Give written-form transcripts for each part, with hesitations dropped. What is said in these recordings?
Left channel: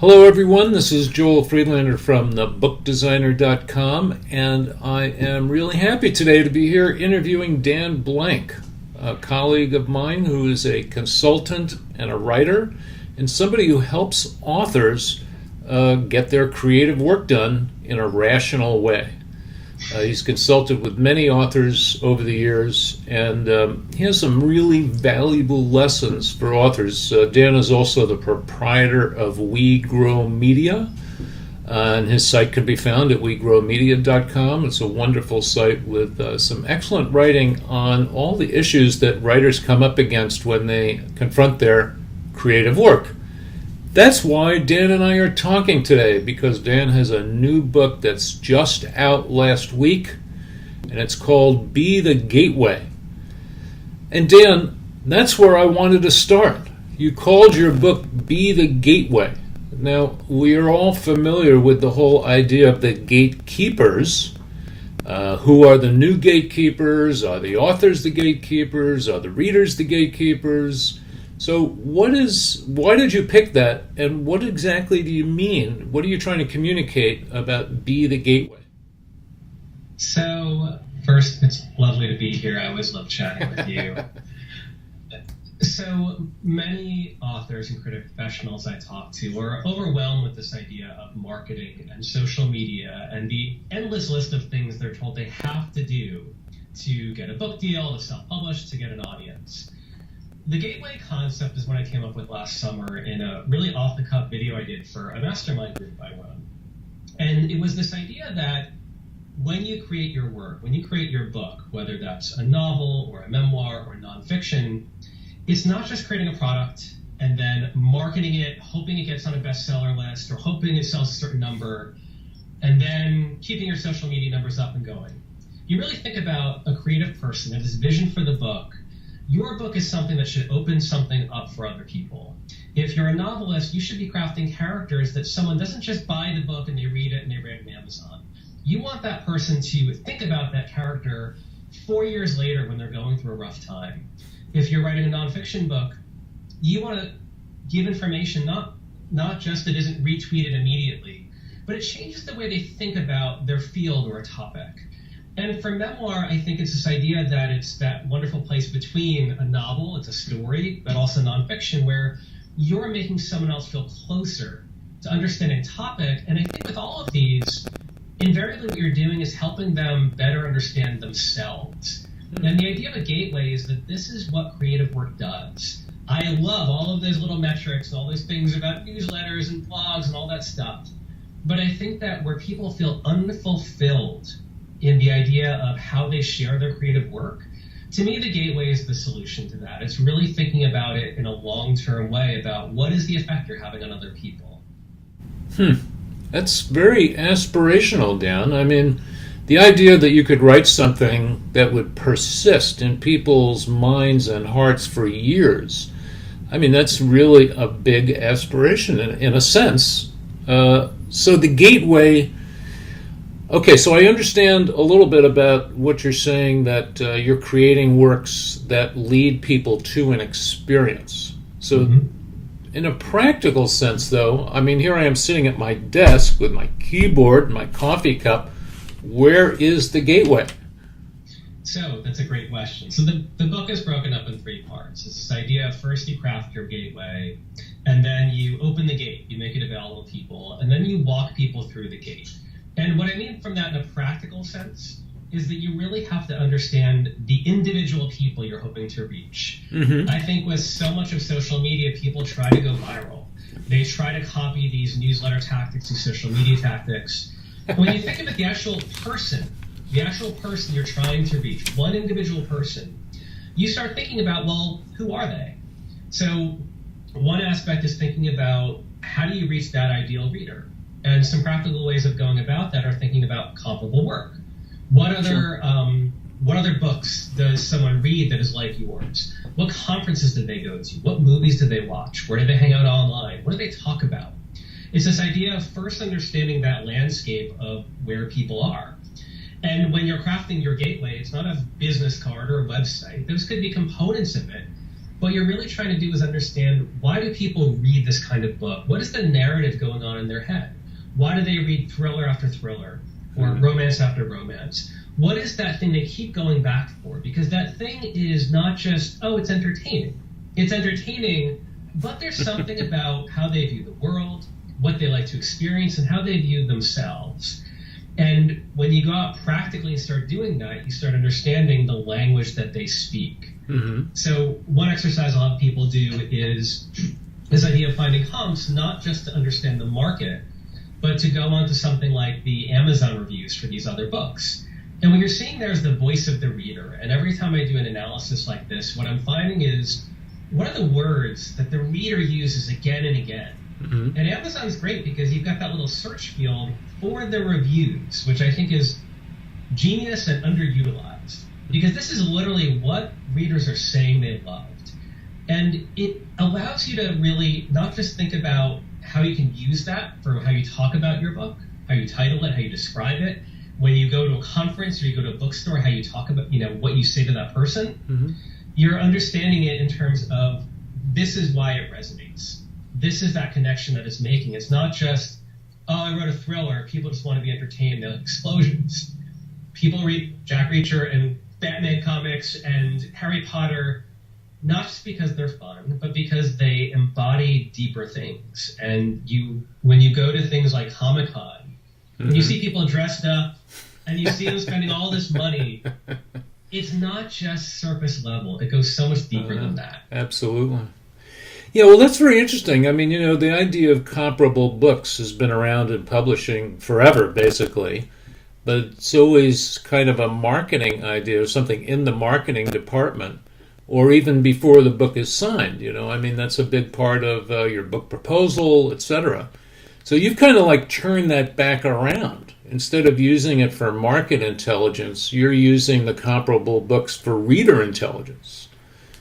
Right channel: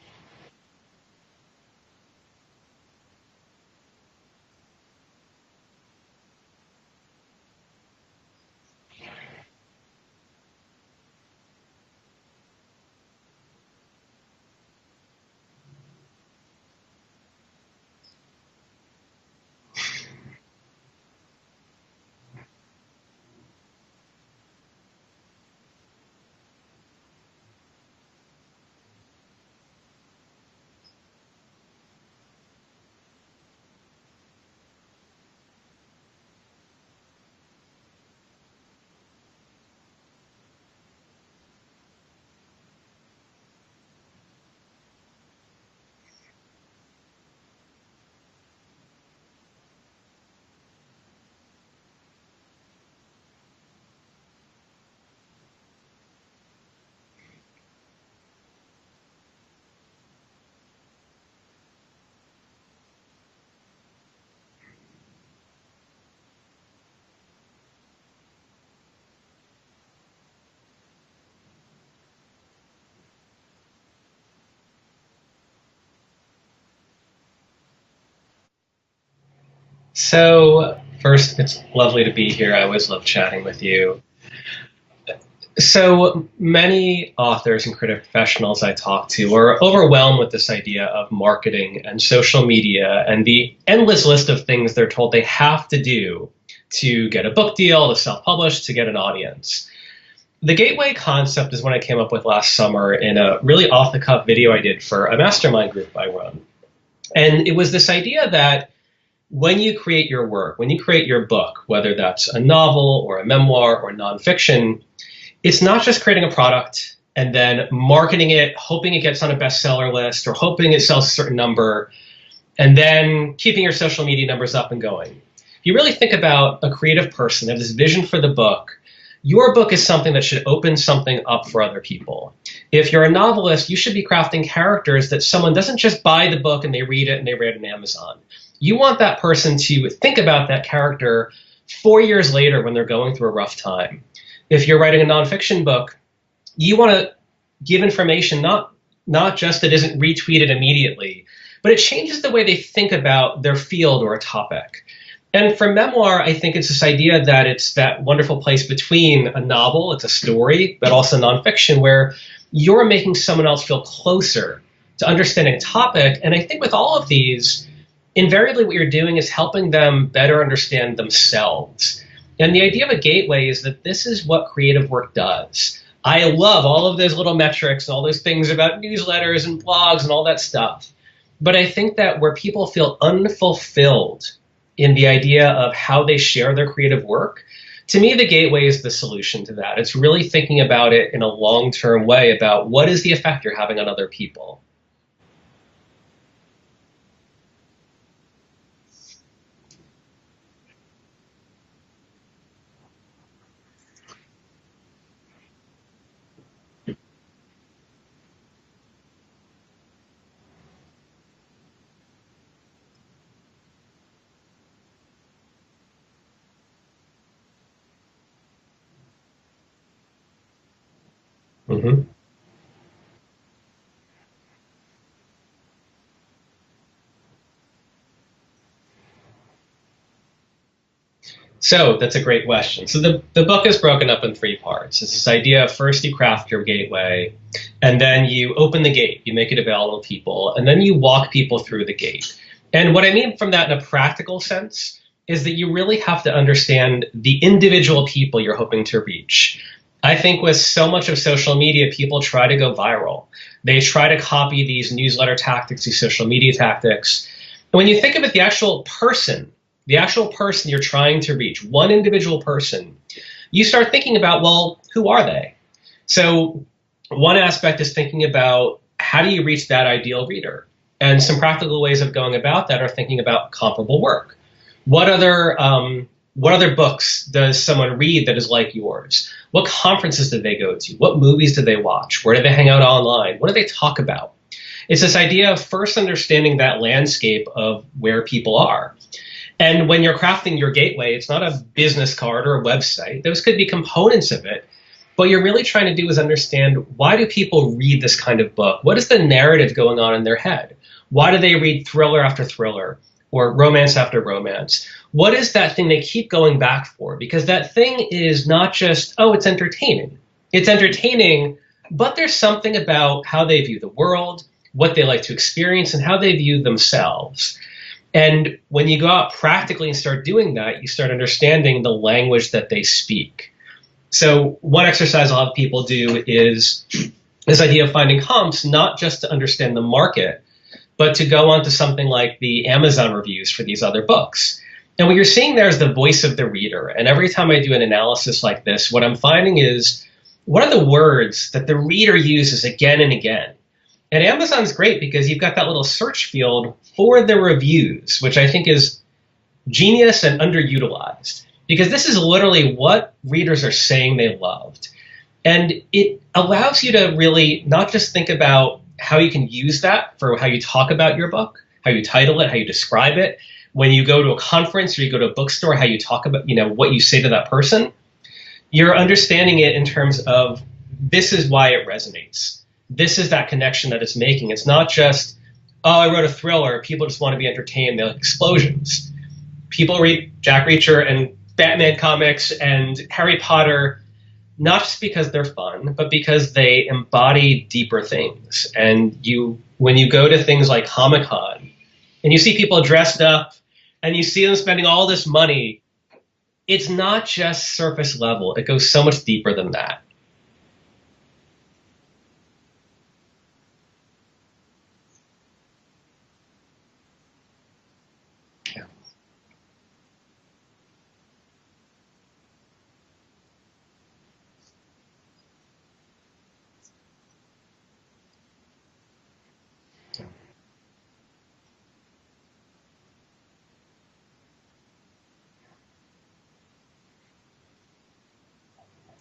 Hello, everyone. This is Joel Friedlander from thebookdesigner.com, and I am really happy today to be here interviewing Dan Blank, a colleague of mine who is a consultant and a writer, and somebody who helps authors get their creative work done in a rational way. He's consulted with many authors over the years, and he has some really valuable lessons for authors. Dan is also the proprietor of We Grow Media, and his site can be found at wegrowmedia.com. It's a wonderful site with some excellent writing on all the issues that writers come up against when they confront their creative work. That's why Dan and I are talking today, because Dan has a new book that's just out last week, and it's called Be the Gateway. And Dan, that's where I wanted to start. You called your book Be the Gateway. Now, we are all familiar with the whole idea of the gatekeepers. Who are the new gatekeepers? Are the authors the gatekeepers? Are the readers the gatekeepers? So why did you pick that, and what exactly do you mean? What are you trying to communicate about Be the Gateway? So first, it's lovely to be here. I always love chatting with you. So many authors and creative professionals I talk to are overwhelmed with this idea of marketing and social media and the endless list of things they're told they have to do to get a book deal, to self-publish, to get an audience. The gateway concept is one I came up with last summer in a really off-the-cuff video I did for a mastermind group I run. And it was this idea that when you create your work, when you create your book, whether that's a novel or a memoir or nonfiction, it's not just creating a product and then marketing it, hoping it gets on a bestseller list or hoping it sells a certain number, and then keeping your social media numbers up and going. If you really think about a creative person and this vision for the book, your book is something that should open something up for other people. If you're a novelist, you should be crafting characters that someone doesn't just buy the book and they read it and they read it on Amazon. You want that person to think about that character 4 years later when they're going through a rough time. If you're writing a nonfiction book, you want to give information not just that isn't retweeted immediately, but it changes the way they think about their field or a topic. And for memoir, I think it's this idea that it's that wonderful place between a novel, it's a story, but also nonfiction, where you're making someone else feel closer to understanding a topic. And I think with all of these, invariably what you're doing is helping them better understand themselves. And the idea of a gateway is that this is what creative work does. I love all of those little metrics, all those things about newsletters and blogs and all that stuff. But I think that where people feel unfulfilled in the idea of how they share their creative work, to me, the gateway is the solution to that. It's really thinking about it in a long-term way about what is the effect you're having on other people. That's very aspirational, Dan. I mean, the idea that you could write something that would persist in people's minds and hearts for years, I mean, that's really a big aspiration in a sense. So the gateway. Okay, so I understand a little bit about what you're saying, that you're creating works that lead people to an experience. So in a practical sense, though, I mean, here I am sitting at my desk with my keyboard and my coffee cup. Where is the gateway? So that's a great question. So the book is broken up in 3 parts. It's this idea of first you craft your gateway, and then you open the gate, you make it available to people, and then you walk people through the gate. And what I mean from that in a practical sense is that you really have to understand the individual people you're hoping to reach. I think with so much of social media, people try to go viral. They try to copy these newsletter tactics, these social media tactics. And when you think of it, the actual person you're trying to reach, one individual person, you start thinking about, well, who are they? So one aspect is thinking about how do you reach that ideal reader? And some practical ways of going about that are thinking about comparable work. What other books does someone read that is like yours? What conferences did they go to? What movies did they watch? Where did they hang out online? What do they talk about? It's this idea of first understanding that landscape of where people are. And when you're crafting your gateway, it's not a business card or a website. Those could be components of it. What you're really trying to do is understand, why do people read this kind of book? What is the narrative going on in their head? Why do they read thriller after thriller or romance after romance? What is that thing they keep going back for? Because that thing is not just, oh, it's entertaining. It's entertaining, but there's something about how they view the world, what they like to experience, and how they view themselves. And when you go out practically and start doing that, you start understanding the language that they speak. Mm-hmm. So one exercise I'll have people do is this idea of finding comps, not just to understand the market, but to go on to something like the Amazon reviews for these other books. And what you're seeing there is the voice of the reader. And every time I do an analysis like this, what I'm finding is, what are the words that the reader uses again and again? Mm-hmm. And Amazon's great because you've got that little search field for the reviews, which I think is genius and underutilized. Because this is literally what readers are saying they loved. And it allows you to really not just think about how you can use that for how you talk about your book, how you title it, how you describe it. When you go to a conference or you go to a bookstore, how you talk about, what you say to that person. Mm-hmm. You're understanding it in terms of, this is why it resonates. This is that connection that it's making. It's not just, oh, I wrote a thriller. People just want to be entertained. They like explosions. People read Jack Reacher and Batman comics and Harry Potter, not just because they're fun, but because they embody deeper things. And when you go to things like Comic-Con and you see people dressed up and you see them spending all this money, it's not just surface level. It goes so much deeper than that. Absolutely. Yeah, well, that's very interesting. I mean, the idea of comparable books has been around in publishing forever, basically. But it's always kind of a marketing idea or something in the marketing department, or even before the book is signed. I mean, that's a big part of your book proposal, etc. So you've kind of like turned that back around. Instead of using it for market intelligence, you're using the comparable books for reader intelligence.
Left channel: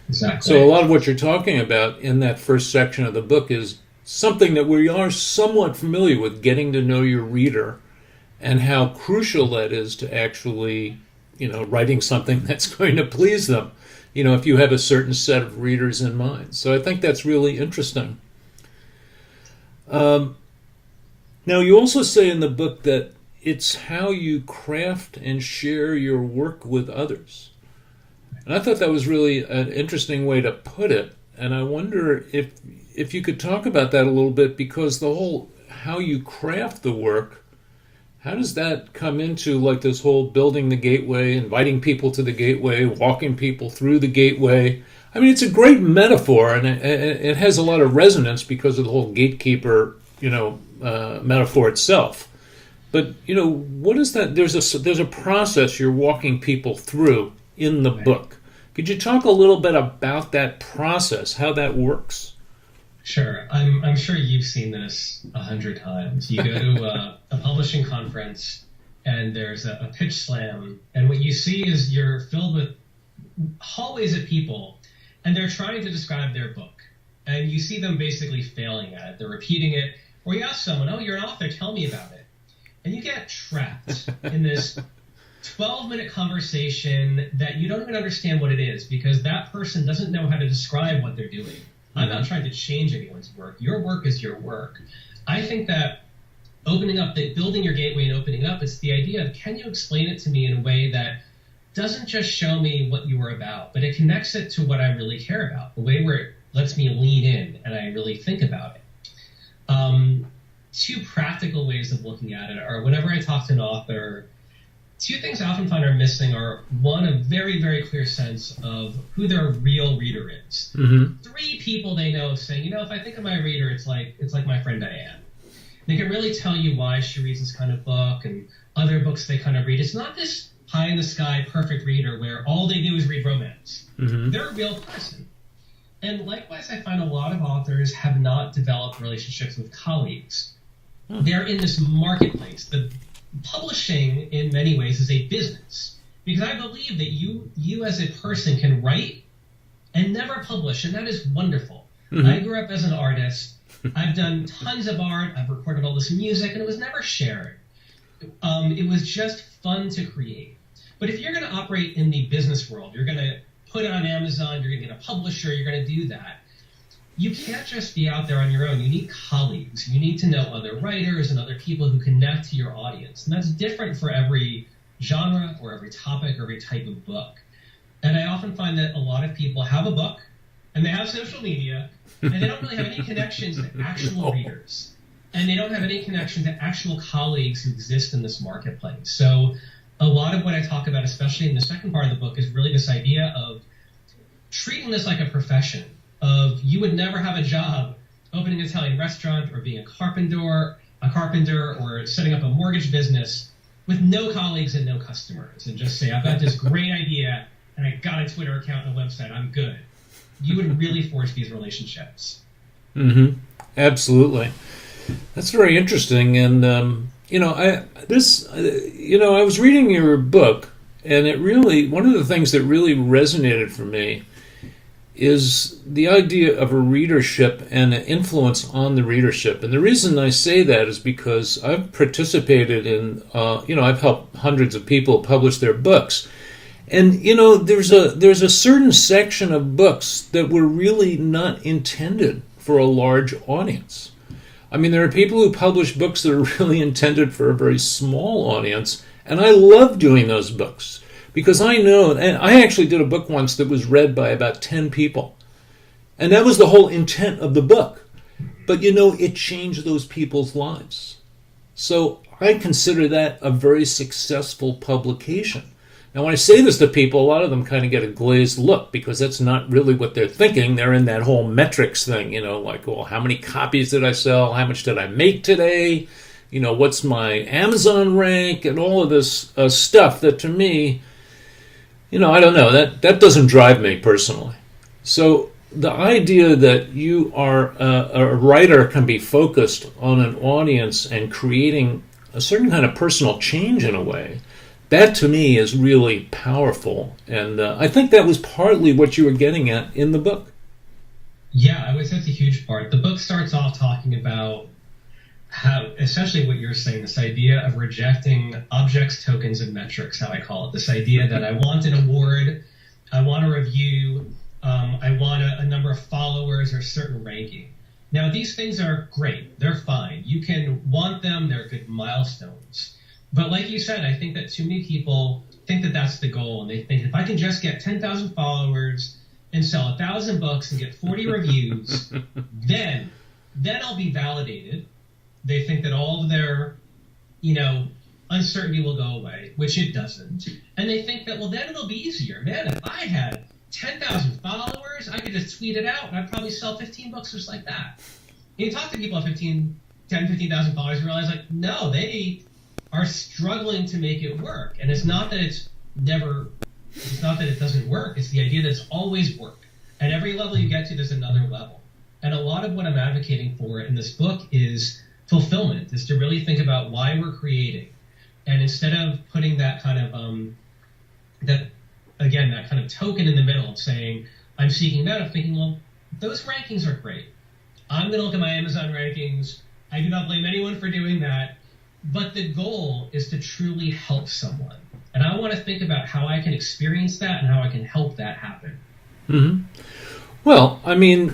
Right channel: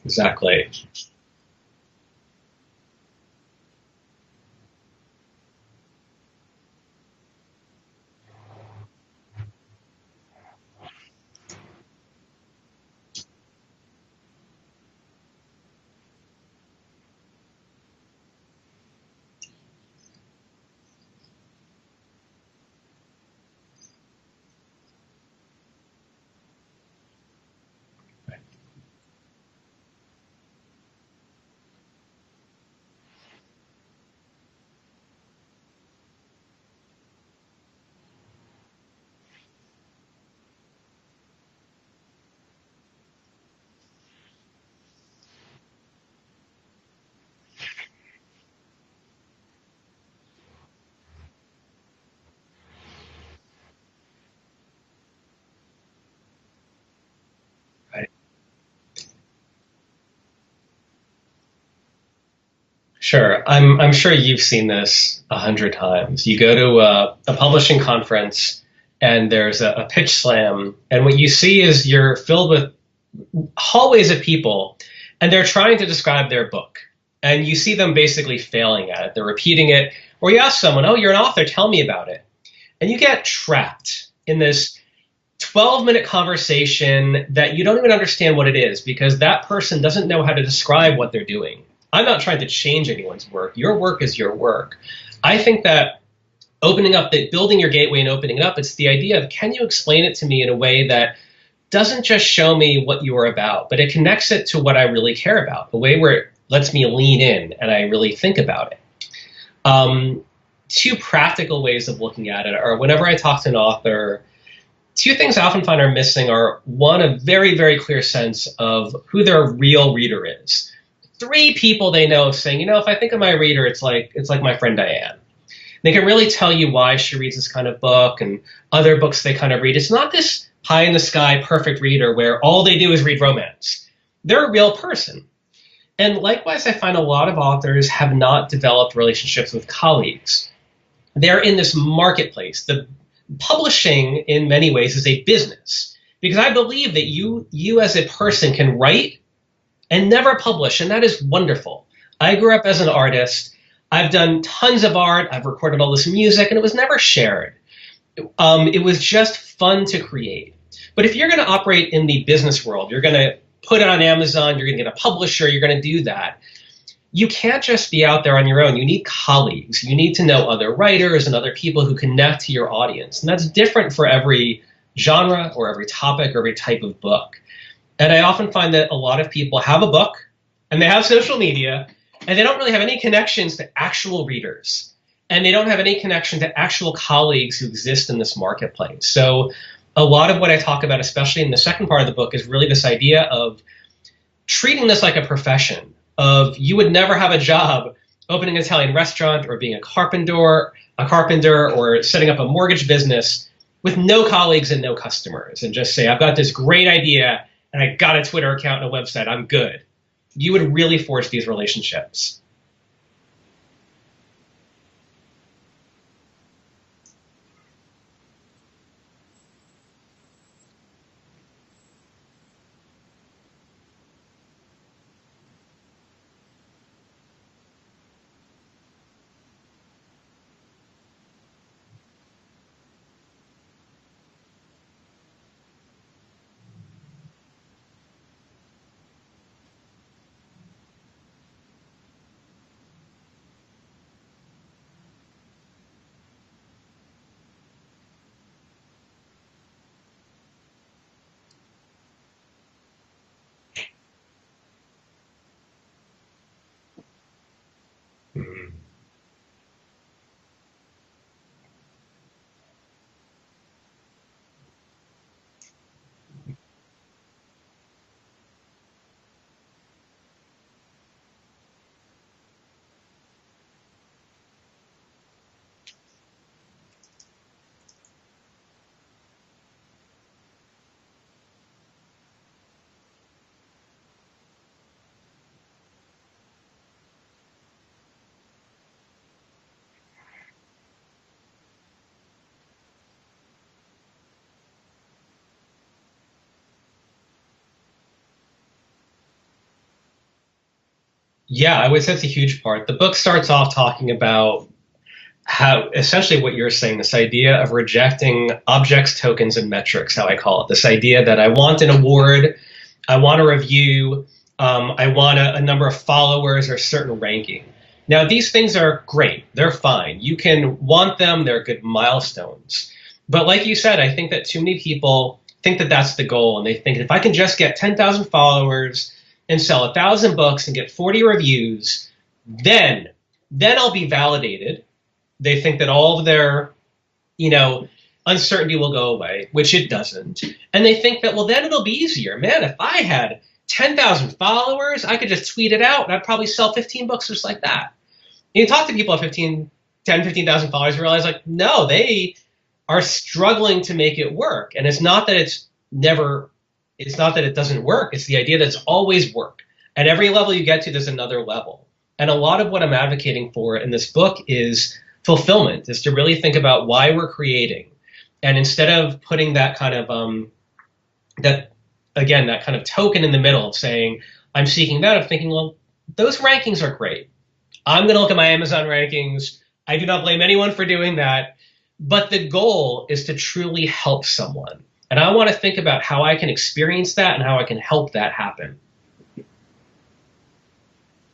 Exactly. So a lot of what you're talking about in that first section of the book is something that we are somewhat familiar with, getting to know your reader and how crucial that is to actually, writing something that's going to please them, if you have a certain set of readers in mind. So I think that's really interesting. Now, you also say in the book that it's how you craft and share your work with others. And I thought that was really an interesting way to put it. And I wonder if you could talk about that a little bit, because the whole how you craft the work, how does that come into like this whole building the gateway, inviting people to the gateway, walking people through the gateway? I mean, it's a great metaphor, and it has a lot of resonance because of the whole gatekeeper, metaphor itself. But, what is that? There's a process you're walking people through in the book. Could you talk a little bit about that process, how that works? Sure. I'm sure you've seen this 100 times. You go to a publishing conference and there's a pitch slam, and what you see is you're filled with hallways of people, and they're trying to describe their book. And you see them basically failing at it. They're repeating it. Or you ask someone, oh, you're an author, tell me about it. And you get trapped in this 12-minute conversation that you don't even understand what it is, because that person doesn't know how to describe what they're doing. I'm not trying to change anyone's work. Your work is your work. I think that building your gateway and opening it up, it's the idea of, can you explain it to me in a way that doesn't just show me what you are about, but it connects it to what I really care about, a way where it lets me lean in and I really think about it. Two practical ways of looking at it are, whenever I talk to an author, two things I often find are missing are, one, a very, very clear sense of who their real reader is. Mm-hmm. 3 people they know of saying, if I think of my reader, it's like my friend Diane. They can really tell you why she reads this kind of book and other books they kind of read. It's not this pie in the sky perfect reader where all they do is read romance. Mm-hmm. They're a real person. And likewise, I find a lot of authors have not developed relationships with colleagues. They're in this marketplace. The publishing, in many ways, is a business, because I believe that you as a person can write and never publish, and that is wonderful. Mm-hmm. I grew up as an artist. I've done tons of art. I've recorded all this music, and it was never shared. It was just fun to create. But if you're going to operate in the business world, you're going to put it on Amazon, you're going to get a publisher, you're going to do that. You can't just be out there on your own. You need colleagues. You need to know other writers and other people who connect to your audience. And that's different for every genre or every topic or every type of book. And I often find that a lot of people have a book and they have social media and they don't really have any connections to actual readers. And they don't have any connection to actual colleagues who exist in this marketplace. So a lot of what I talk about, especially in the second part of the book, is really this idea of treating this like a profession. Of you would never have a job opening an Italian restaurant or being a carpenter or setting up a mortgage business with no colleagues and no customers and just say, I've got this great idea and I got a Twitter account and a website, I'm good. You would really forge these relationships. Mm-hmm. Absolutely. That's very interesting. And, I was reading your book, and one of the things that really resonated for me is the idea of a readership and an influence on the readership. And the reason I say that is because I've participated in, I've helped hundreds of people publish their books. And, there's a certain section of books that were really not intended for a large audience. I mean, there are people who publish books that are really intended for a very small audience, and I love doing those books. Because I know, and I actually did a book once that was read by about 10 people. And that was the whole intent of the book. But it changed those people's lives. So I consider that a very successful publication. Now, when I say this to people, a lot of them kind of get a glazed look because that's not really what they're thinking. They're in that whole metrics thing, like, well, how many copies did I sell? How much did I make today? What's my Amazon rank? And all of this stuff that to me, I don't know, that doesn't drive me personally. So the idea that you are a writer can be focused on an audience and creating a certain kind of personal change in a way, that to me is really powerful. And I think that was partly what you were getting at in the book. Yeah, I would say it's a huge part. The book starts off talking about how essentially what you're saying, this idea of rejecting objects, tokens, and metrics, how I call it. This idea that I want an award, I want a review, I want a number of followers or certain ranking. Now, these things are great. They're fine. You can want them. They're good milestones. But like you said, I think that too many people think that that's the goal. And they think if I can just get 10,000 followers and sell 1,000 books and get 40 reviews, then I'll be validated. They think that all of their, uncertainty will go away, which it doesn't. And they think that, well, then it'll be easier. Man, if I had 10,000 followers, I could just tweet it out and I'd probably sell 15 books just like that. And you talk to people at 15,000 followers and realize, like, no, they are struggling to make it work. And it's not that it doesn't work. It's the idea that it's always work. At every level you get to, there's another level. And a lot of what I'm advocating for in this book is fulfillment, is to really think about why we're creating. And instead of putting that kind of that kind of token in the middle of saying, I'm seeking that, of thinking, well, those rankings are great. I'm going to look at my Amazon rankings. I do not blame anyone for doing that. But the goal is to truly help someone. And I want to think about how I can experience that and how I can help that happen. Mm-hmm. Well, I mean,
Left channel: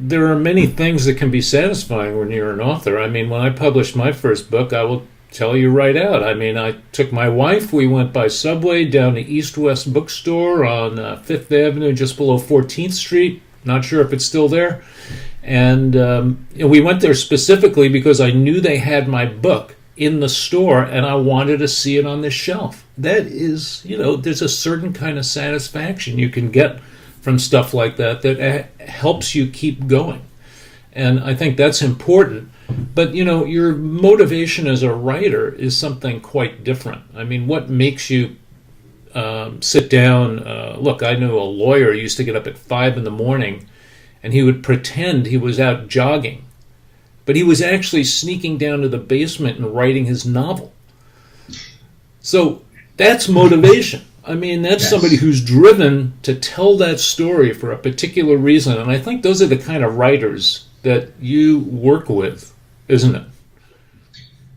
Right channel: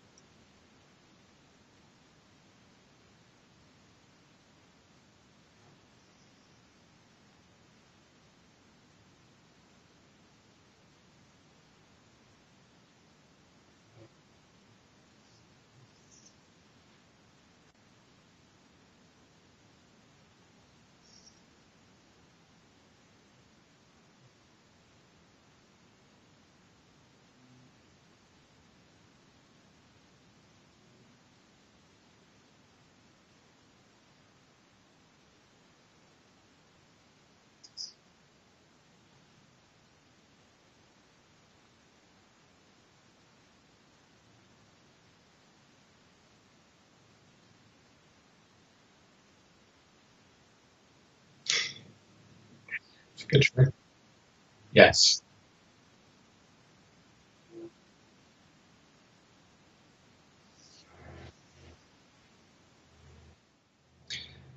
there are many things that can be satisfying when you're an author. I mean, when I published my first book, I will tell you right out. I mean, I took my wife, we went by subway down to East West Bookstore on Fifth Avenue, just below 14th Street. Not sure if it's still there. And we went there specifically because I knew they had my book in the store and I wanted to see it on the shelf. That is, there's a certain kind of satisfaction you can get from stuff like that helps you keep going. And I think that's important. But, your motivation as a writer is something quite different. I mean, what makes you sit down? Look, I knew a lawyer who used to get up at 5 a.m, and he would pretend he was out jogging. But he was actually sneaking down to the basement and writing his novel. So that's motivation. I mean, that's somebody who's driven to tell that story for a particular reason. And I think those are the kind of writers that you work with, isn't it?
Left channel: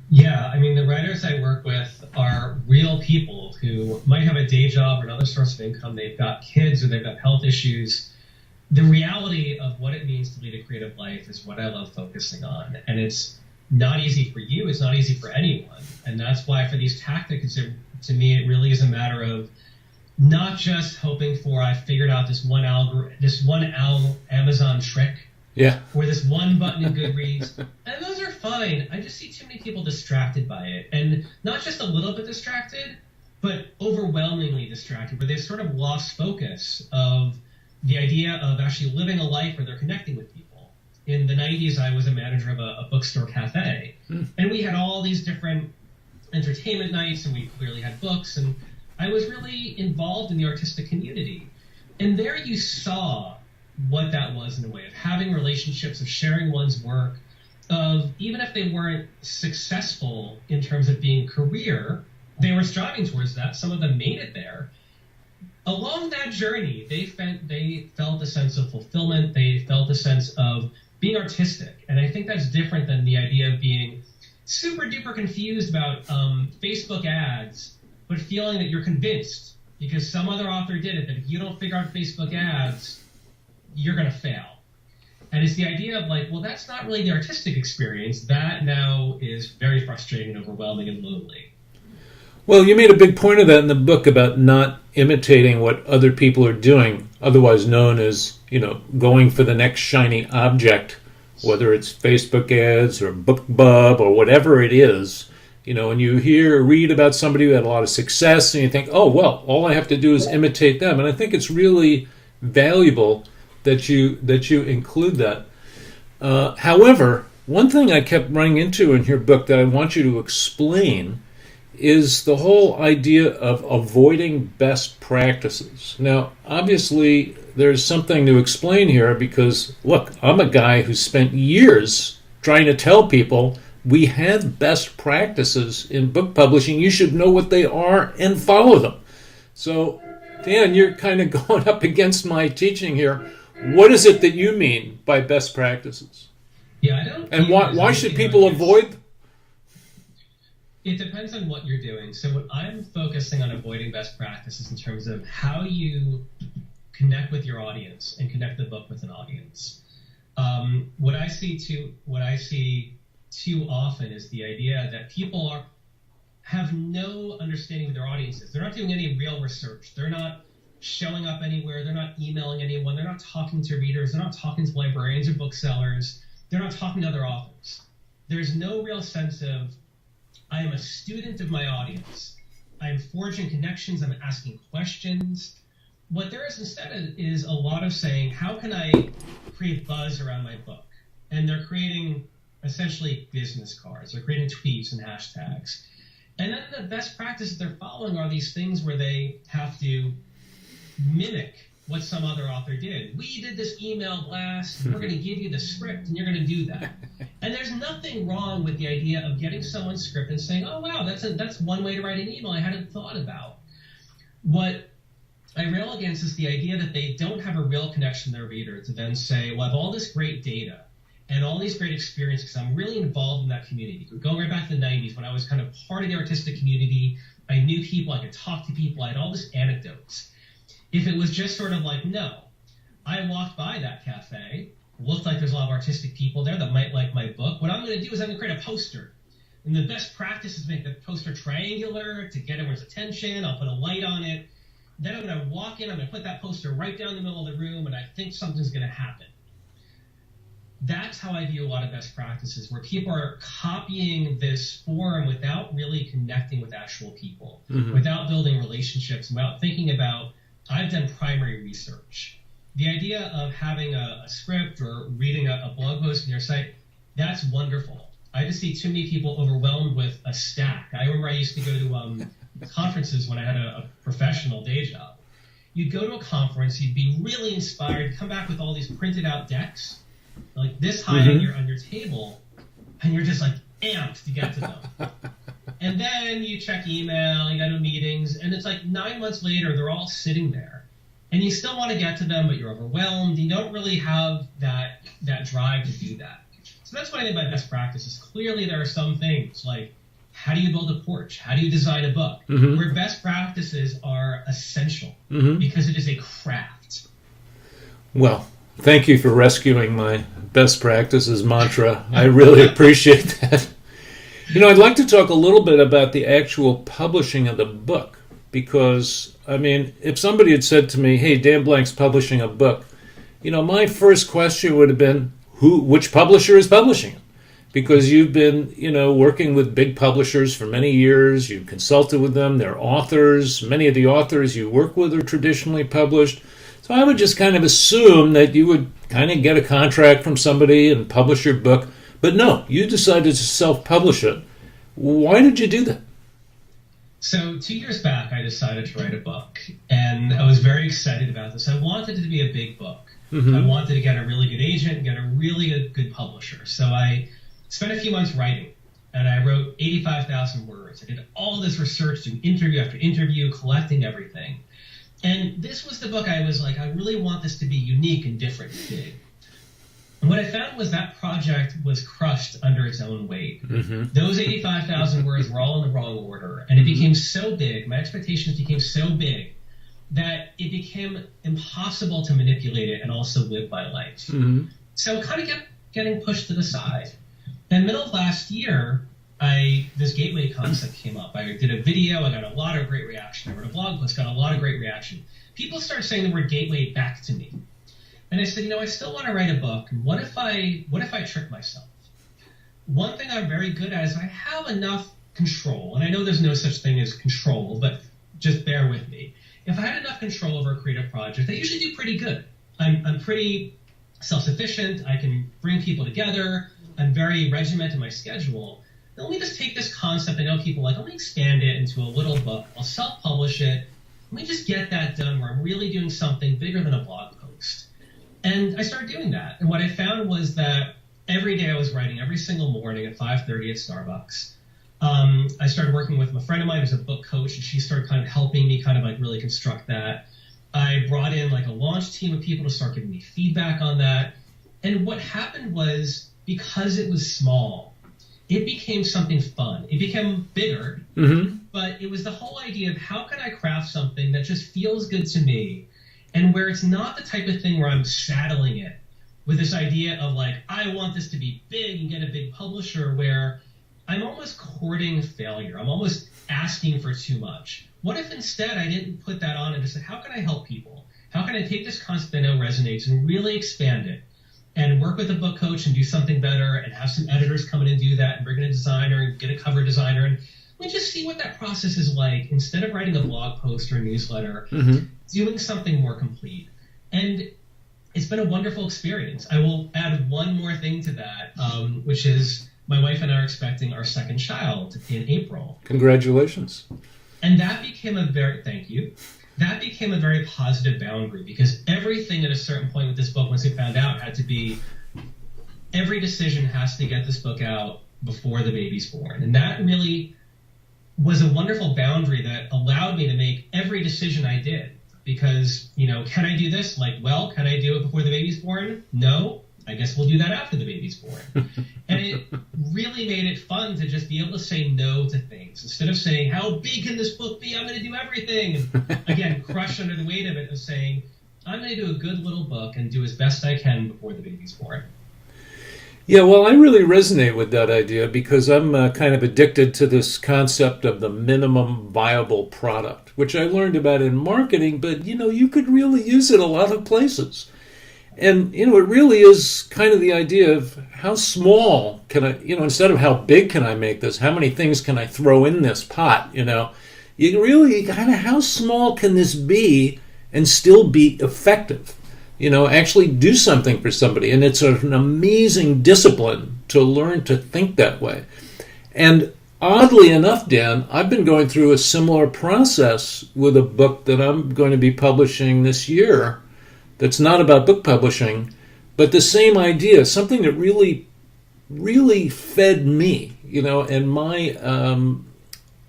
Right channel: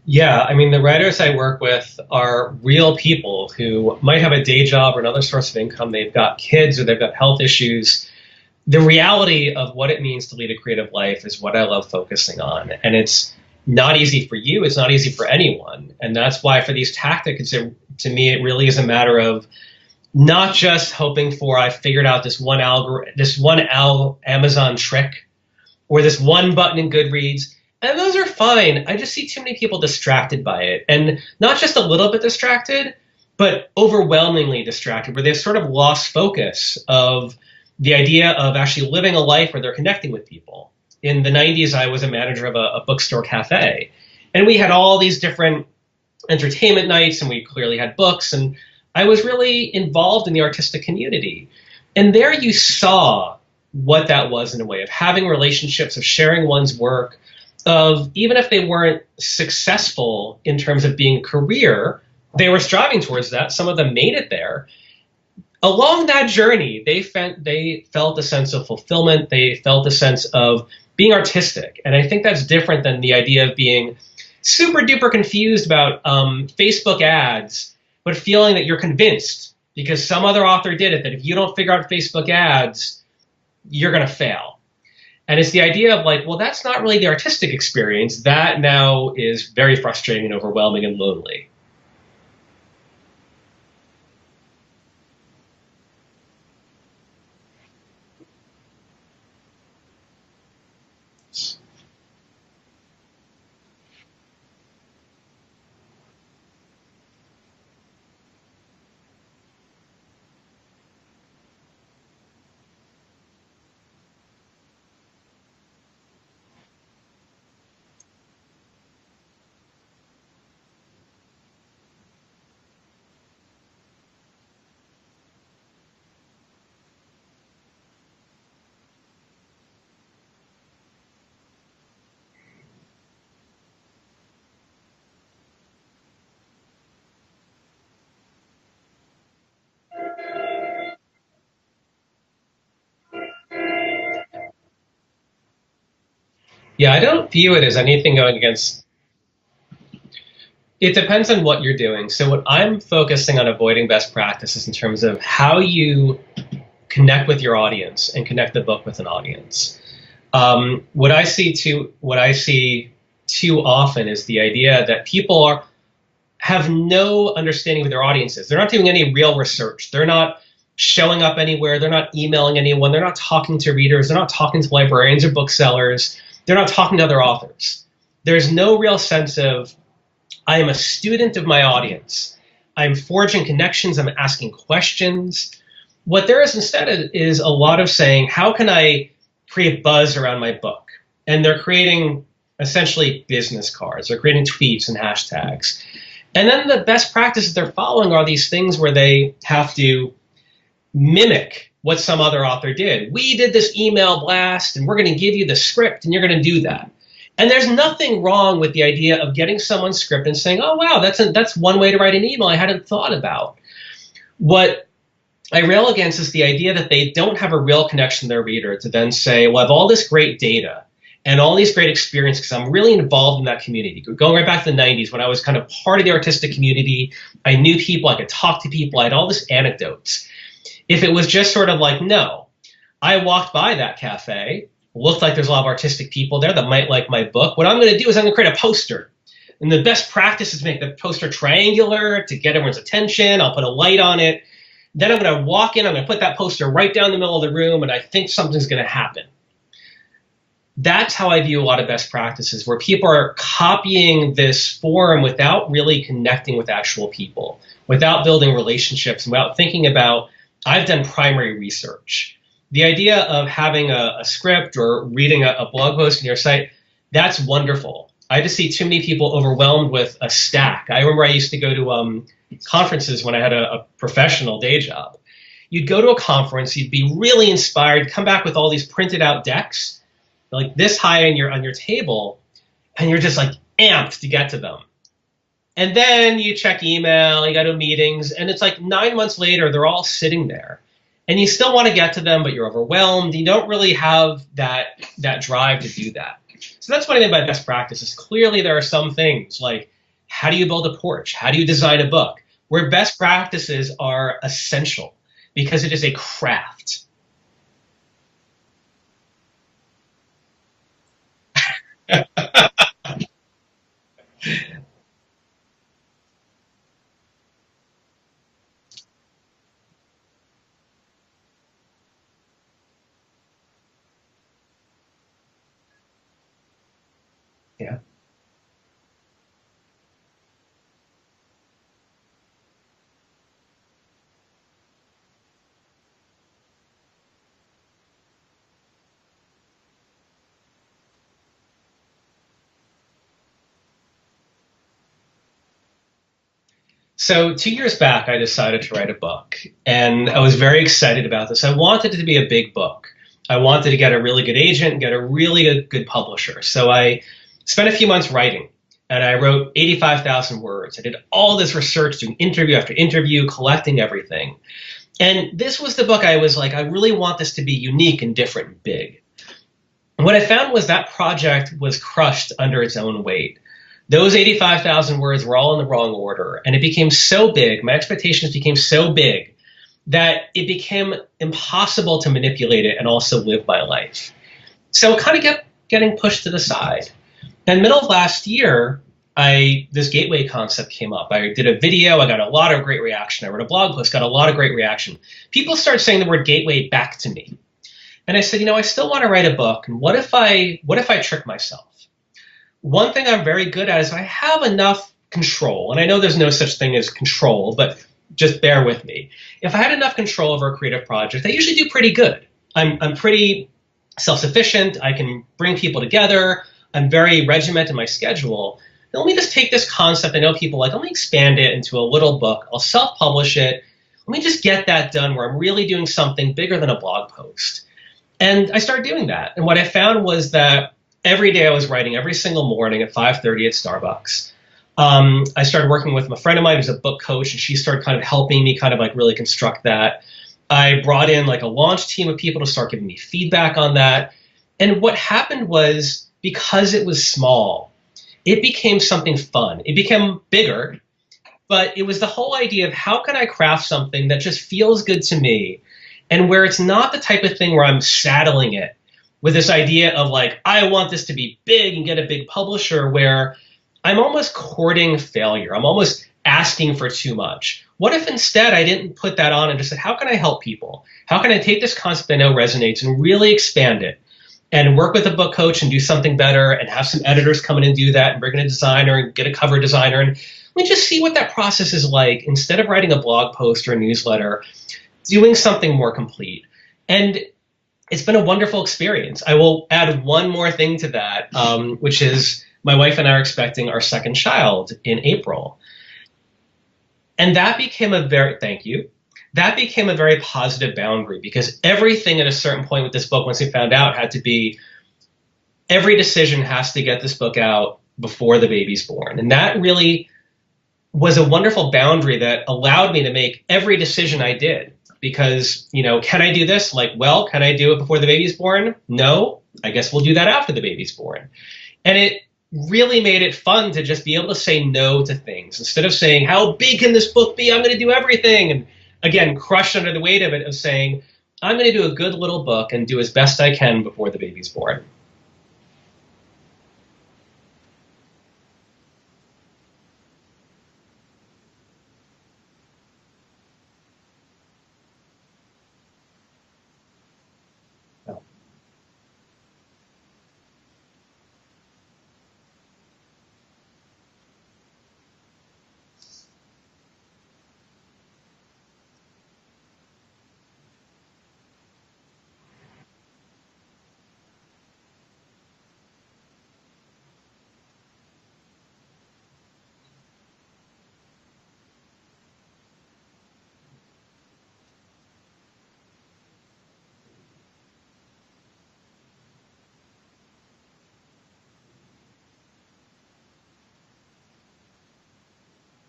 Yeah, I mean, the writers I work with are real people who might have a day job or another source of income. They've got kids or they've got health issues. The reality of what it means to lead a creative life is what I love focusing on. And it's not easy for you. It's not easy for anyone. And that's why for these tactics, to me, it really is a matter of not just hoping for I figured out Amazon trick Yeah. or this one button in Goodreads. And those are fine. I just see too many people distracted by it. And not just a little bit distracted, but overwhelmingly distracted, where they've sort of lost focus of the idea of actually living a life where they're connecting with people. In the 90s, I was a manager of a bookstore cafe. And we had all these different entertainment nights, and we clearly had books. And I was really involved in the artistic community. And there you saw what that was in a way of having relationships, of sharing one's work, of even if they weren't successful in terms of being a career, they were striving towards that. Some of them made it there. Along that journey, they felt a sense of fulfillment. They felt a sense of being artistic. And I think that's different than the idea of being super duper confused about Facebook ads, but feeling that you're convinced because some other author did it, that if you don't figure out Facebook ads, you're going to fail. And it's the idea of like, well, that's not really the artistic experience. That now is very frustrating and overwhelming and lonely. Well, you made a big point of that in the book about not imitating what other people are doing, otherwise known as, going for the next shiny object, whether it's Facebook ads or BookBub or whatever it is. And you read about somebody who had a lot of success and you think, oh, well, all I have to do is imitate them. And I think it's really valuable that you include that. However, one thing I kept running into in your book that I want you to explain is the whole idea of avoiding best practices. Now, obviously, there's something to explain here because, look, I'm a guy who spent years trying to tell people we have best practices in book publishing. You should know what they are and follow them. So, Dan, you're kind of going up against my teaching here. What is it that you mean by best practices? Yeah, I don't view it as anything going against. Avoid? It depends on what you're doing. So what I'm focusing on avoiding best practices in terms of how you connect with your audience and connect the book with an audience. What I see too often is the idea that people have no understanding of their audiences. They're not doing any real research. They're not showing up anywhere. They're not emailing anyone. They're not talking to readers. They're not talking to librarians or booksellers. They're not talking to other authors. There's no real sense of, I am a student of my audience. I'm forging connections. I'm asking questions. What there is instead is a lot of saying, how can I create buzz around my book? And they're creating essentially business cards. They're creating tweets and hashtags. And then the best practices they're following are these things where they have to mimic what some other author did. We did this email blast, and we're going to give you the script, and you're going to do that. And there's nothing wrong with the idea of getting someone's script and saying, oh, wow, that's one way to write an email I hadn't thought about. What I rail against is the idea that they don't have a real connection to their reader to then say, well, I have all this great data and all these great experiences because I'm really involved in that community. Going right back to the 90s when I was kind of part of the artistic community, I knew people, I could talk to people, I had all this anecdotes. If it was just sort of like, no, I walked by that cafe, looked like there's a lot of artistic people there that might like my book. What I'm going to do is I'm going to create a poster. And the best practice is make the poster triangular to get everyone's attention. I'll put a light on it. Then I'm going to walk in. I'm going to put that poster right down the middle of the room, and I think something's going to happen. That's how I view a lot of best practices, where people are copying this form without really connecting with actual people, without building relationships, without thinking about, I've done primary research. The idea of having a script or reading a blog post on your site, that's wonderful. I just see too many people overwhelmed with a stack. I remember I used to go to conferences when I had a professional day job. You'd go to a conference, you'd be really inspired, come back with all these printed out decks, like this high on your table, and you're just like amped to get to them. And then you check email, you go to meetings, and it's like 9 months later, they're all sitting there. And you still want to get to them, but you're overwhelmed. You don't really have that drive to do that. So that's what I mean by best practices. Clearly, there are some things like how do you build a porch? How do you design a book? Mm-hmm. Where best practices are essential because it is a craft. Well, thank you for rescuing my best practices mantra. I really appreciate that. I'd like to talk a little bit about the actual publishing of the book, because, if somebody had said to me, hey, Dan Blank's publishing a book, my first question would have been, which publisher is publishing it? Because you've been, working with big publishers for many years. You've consulted with them. They're authors. Many of the authors you work with are traditionally published. So I would just kind of assume that you would kind of get a contract from somebody and publish your book. But no, you decided to self-publish it. Why did you do that? So 2 years back, I decided to write a book, and I was very excited about this. I wanted it to be a big book. Mm-hmm. I wanted to get a really good agent, get a really good publisher. So I spent a few months writing, and I wrote 85,000 words. I did all this research, doing interview after interview, collecting everything. And this was the book I was like, I really want this to be unique and different and big. And what I found was that project was crushed under its own weight. Mm-hmm. Those 85,000 words were all in the wrong order. And it became so big, my expectations became so big, that it became impossible to manipulate it and also live my life. Mm-hmm. So it kind of kept getting pushed to the side. In the middle of last year, this gateway concept came up. I did a video. I got a lot of great reaction. I wrote a blog post, got a lot of great reaction. People started saying the word gateway back to me. And I said, I still want to write a book. And what if I trick myself? One thing I'm very good at is I have enough control. And I know there's no such thing as control, but just bear with me. If I had enough control over a creative project, I usually do pretty good. I'm pretty self-sufficient. I can bring people together. I'm very regimented in my schedule. Let me just take this concept. I know people let me expand it into a little book. I'll self-publish it. Let me just get that done where I'm really doing something bigger than a blog post. And I started doing that. And what I found was that every day I was writing every single morning at 5:30 at Starbucks. I started working with a friend of mine who's a book coach, and she started kind of helping me really construct that. I brought in a launch team of people to start giving me feedback on that. And what happened was, because it was small, it became something fun. It became bigger, but it was the whole idea of how can I craft something that just feels good to me, and where it's not the type of thing where I'm saddling it with this idea of I want this to be big and get a big publisher, where I'm almost courting failure. I'm almost asking for too much. What if instead I didn't put that on and just said, how can I help people? How can I take this concept I know resonates and really expand it? And work with a book coach and do something better, and have some editors come in and do that, and bring in a designer and get a cover designer. And let me just see what that process is like, instead of writing a blog post or a newsletter, doing something more complete. And it's been a wonderful experience. I will add one more thing to that, which is my wife and I are expecting our second child in April. Congratulations. And that became thank you. That became a very positive boundary, because everything at a certain point with this book, once we found out, had to be, every decision has to get this book out before the baby's born. And that really was a wonderful boundary that allowed me to make every decision I did. Because, can I do this? Can I do it before the baby's born? No. I guess we'll do that after the baby's born. And it really made it fun to just be able to say no to things. Instead of saying, how big can this book be? I'm going to do everything. And again, crushed under the weight of it, of saying, I'm going to do a good little book and do as best I can before the baby's born. Yeah, well, I really resonate with that idea, because I'm kind of addicted to this concept of the minimum viable product, which I learned about in marketing, but, you could really use it a lot of places. And, it really is kind of the idea of how small can I, instead of how big can I make this, how many things can I throw in this pot, you really kind of, how small can this be and still be effective? Actually do something for somebody. And it's an amazing discipline to learn to think that way. And oddly enough, Dan, I've been going through a similar process with a book that I'm going to be publishing this year. That's not about book publishing, but the same idea, something that really, really fed me, and my,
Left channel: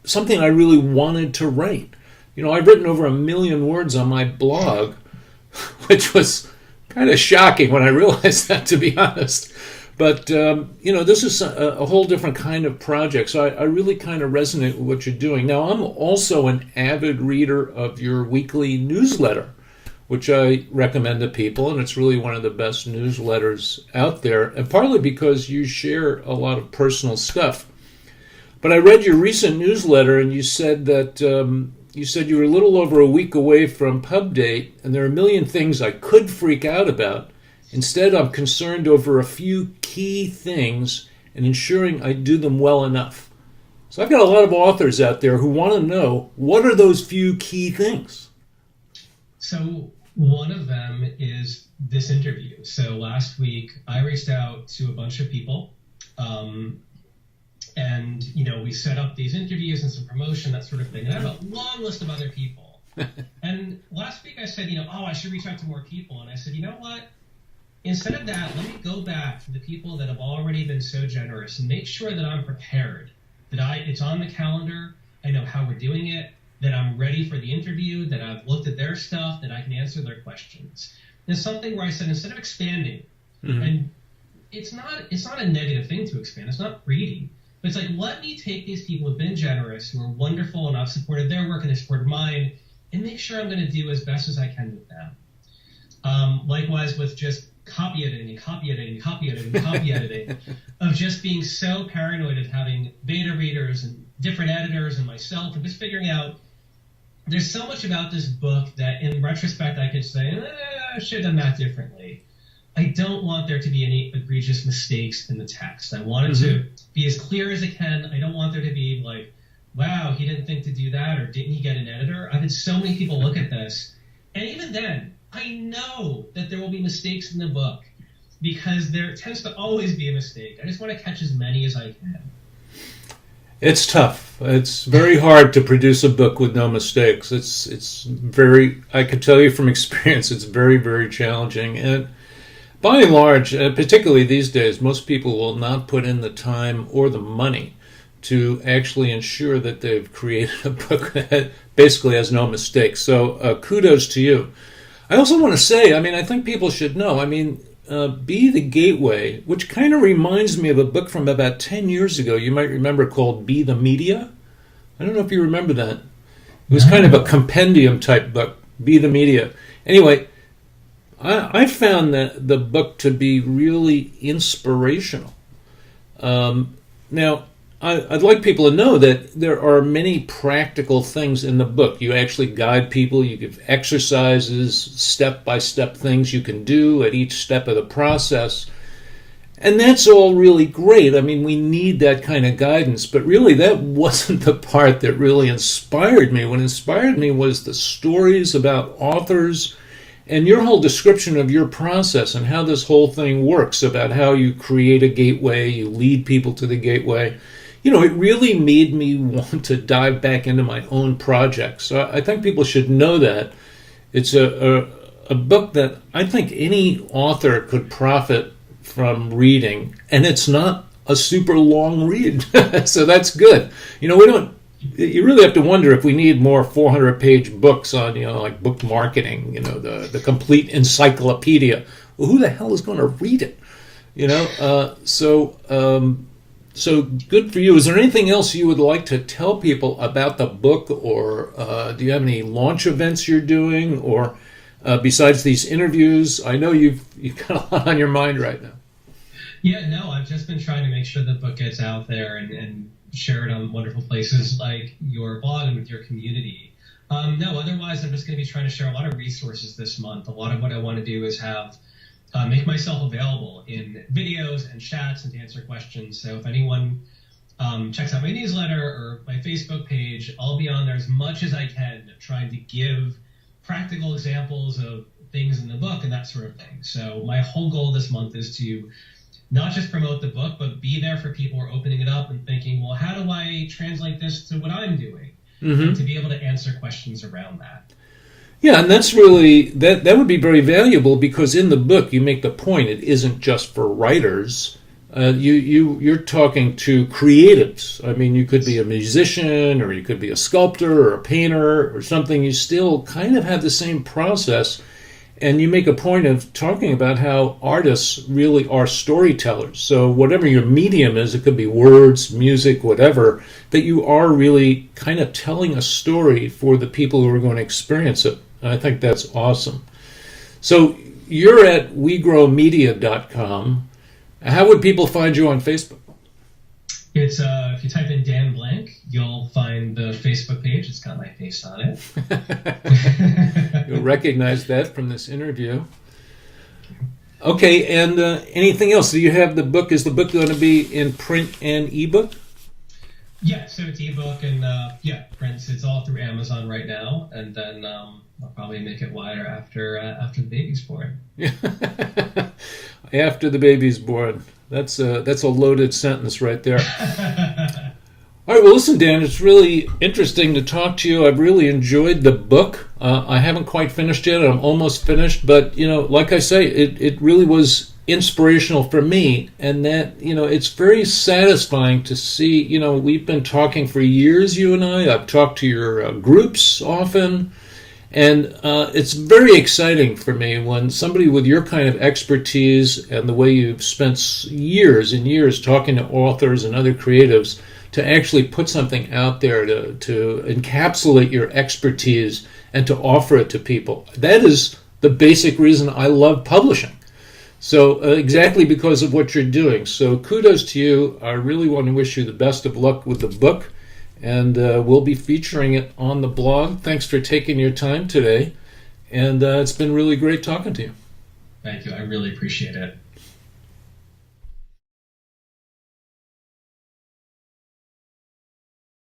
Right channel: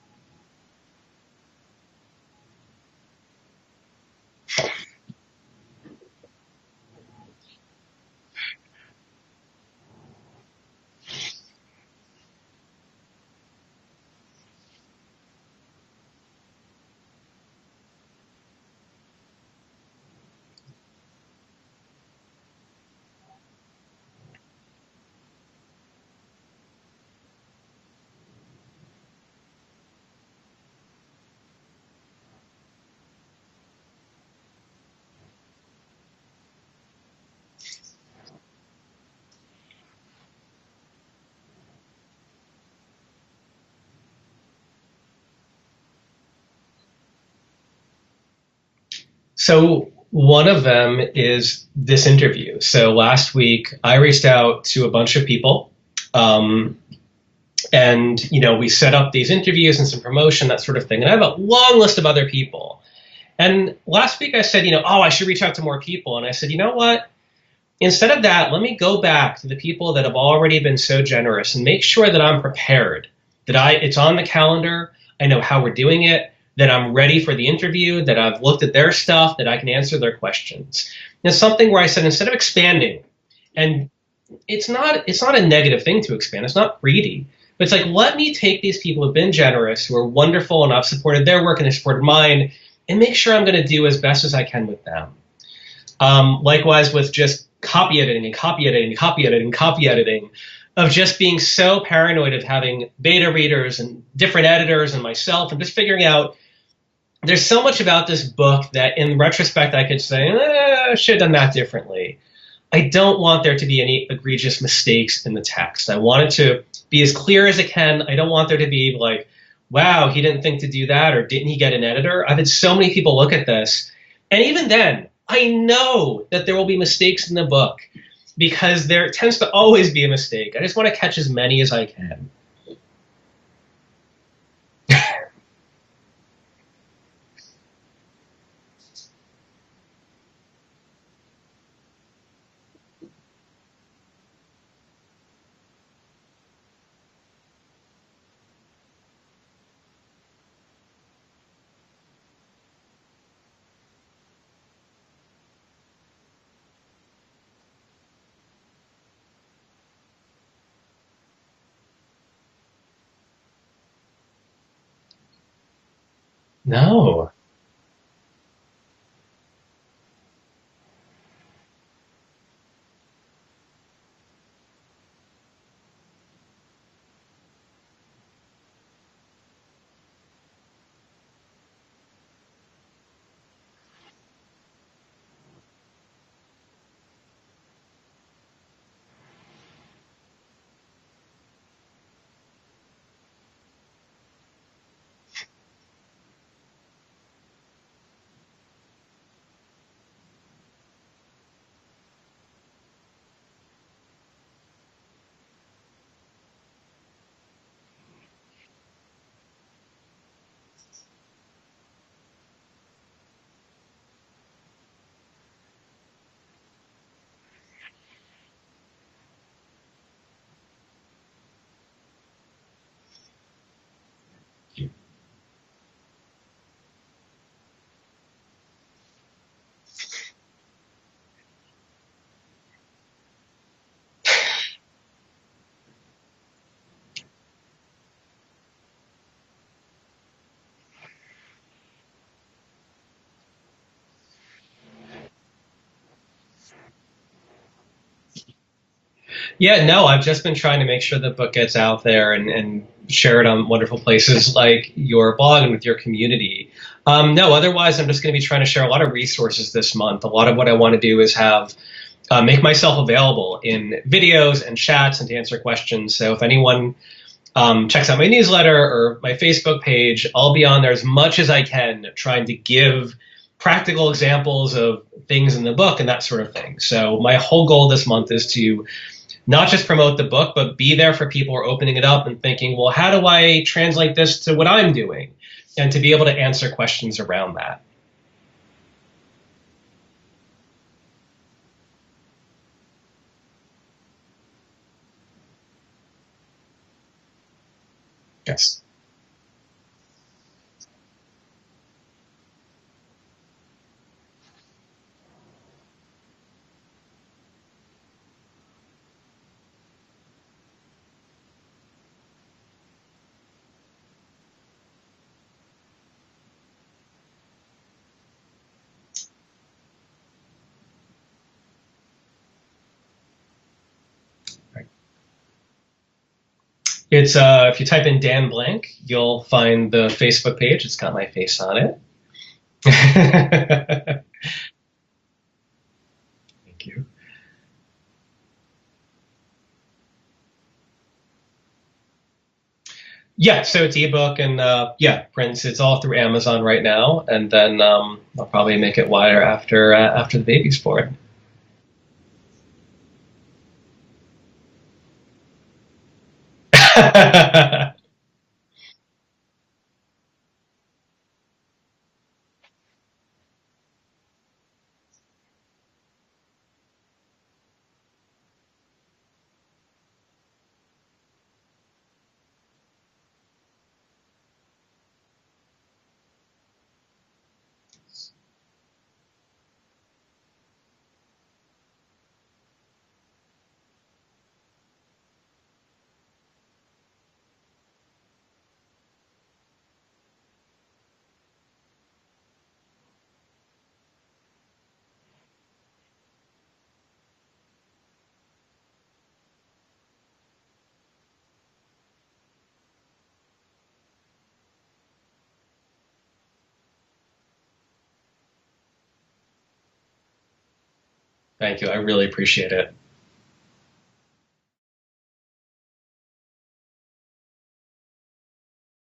something I really wanted to write. I've written over 1 million words on my blog, which was kind of shocking when I realized that, to be honest. But, this is a whole different kind of project. So I really kind of resonate with what you're doing. Now, I'm also an avid reader of your weekly newsletter, which I recommend to people. And it's really one of the best newsletters out there. And partly because you share a lot of personal stuff. But I read your recent newsletter, and you said that you were a little over a week away from pub date, and there are a million things I could freak out about. Instead, I'm concerned over a few key things and ensuring I do them well enough. So I've got a lot of authors out there who want to know, what are those few key things? So one of them is this interview. So last week, I reached out to a bunch of people. And, we set up these interviews and some promotion, that sort of thing. And I have a long list of other people. And last week I said, I should reach out to more people. And I said, you know what? Instead of that, let me go back to the people that have already been so generous and make sure that I'm prepared, that it's on the calendar, I know how we're doing it, that I'm ready for the interview, that I've looked at their stuff, that I can answer their questions. And it's something where I said, instead of expanding, and it's not a negative thing to expand, it's not greedy, but it's like, let me take these people who have been generous, who are wonderful, and I've supported their work and they've supported mine, and make sure I'm going to do as best as I can with them. Likewise with just copy editing, of just being so paranoid of having beta readers and different editors and myself, and just figuring out there's so much about this book that in retrospect I could say, I should have done that differently. I don't want there to be any egregious mistakes in the text. I want it to be as clear as it can. I don't want there to be like, wow, he didn't think to do that, or didn't he get an editor? I've had so many people look at this, and even then, I know that there will be mistakes in the book because there tends to always be a mistake. I just want to catch as many as I can. It's tough. It's very hard to produce a book with no mistakes. It's very, I can tell you from experience, it's very, very challenging. And by and large, particularly these days, most people will not put in the time or the money to actually ensure that they've created a book that basically has no mistakes. So kudos to you. I also want to say, I think people should know, Be the Gateway, which kind of reminds me of a book from about 10 years ago, you might remember, called Be the Media. I don't know if you remember that. It was kind of a compendium type book, Be the Media. Anyway, I found the book to be really inspirational. Now, I'd like people to know that there are many practical things in the book. You actually guide people. You give exercises, step-by-step things you can do at each step of the process. And that's all really great. We need that kind of guidance. But really, that wasn't the part that really inspired me. What inspired me was the stories about authors and your whole description of your process and how this whole thing works, about how you create a gateway, you lead people to the gateway. It really made me want to dive back into my own projects. So I think people should know that. It's a book that I think any author could profit from reading, and it's not a super long read. So that's good. You really have to wonder if we need more 400-page books on, like book marketing, the complete encyclopedia. Well, who the hell is going to read it? So good for you. Is there anything else you would like to tell people about the book, or do you have any launch events you're doing, or besides these interviews? I know you've got a lot on your mind right now. Yeah, no, I've just been trying to make sure the book gets out there and share it on wonderful places like your blog and with your community. No, otherwise I'm just going to be trying to share a lot of resources this month. A lot of what I want to do is make myself available in videos and chats and to answer questions. So if anyone checks out my newsletter or my Facebook page, I'll be on there as much as I can, trying to give practical examples of things in the book and that sort of thing. So my whole goal this month is to not just promote the book, but be there for people who are opening it up and thinking, well, how do I translate this to what I'm doing? And to be able to answer questions around that. Yeah, and that's really, that would be very valuable, because in the book you make the point it isn't just for writers. You're talking to creatives. You could be a musician, or you could be a sculptor or a painter or something. You still kind of have the same process. And you make a point of talking about how artists really are storytellers. So whatever your medium is, it could be words, music, whatever, that you are really kind of telling a story for the people who are going to experience it. And I think that's awesome. So you're at wegrowmedia.com. How would people find you on Facebook? It's if you type in Dan Blank, you'll find the Facebook page. It's got my face on it. I recognize that from this interview. Thank you. Okay, and anything else? Do you have the book? Is the book going to be in print and ebook? Yeah, so it's ebook and prints. It's all through Amazon right now, and then I'll probably make it wider after the baby's born. After the baby's born. That's a loaded sentence right there. All right, well, listen, Dan, it's really interesting to talk to you. I've really enjoyed the book. I haven't quite finished yet. I'm almost finished, but like I say, it really was inspirational for me, and that it's very satisfying to see. We've been talking for years, you and I. I've talked to your groups often. And it's very exciting for me when somebody with your kind of expertise and the way you've spent years and years talking to authors and other creatives to actually put something out there to encapsulate your expertise and to offer it to people. That is the basic reason I love publishing. So exactly because of what you're doing. So kudos to you. I really want to wish you the best of luck with the book. And we'll be featuring it on the blog. Thanks for taking your time today. And it's been really great talking to you. Thank you. I really appreciate it.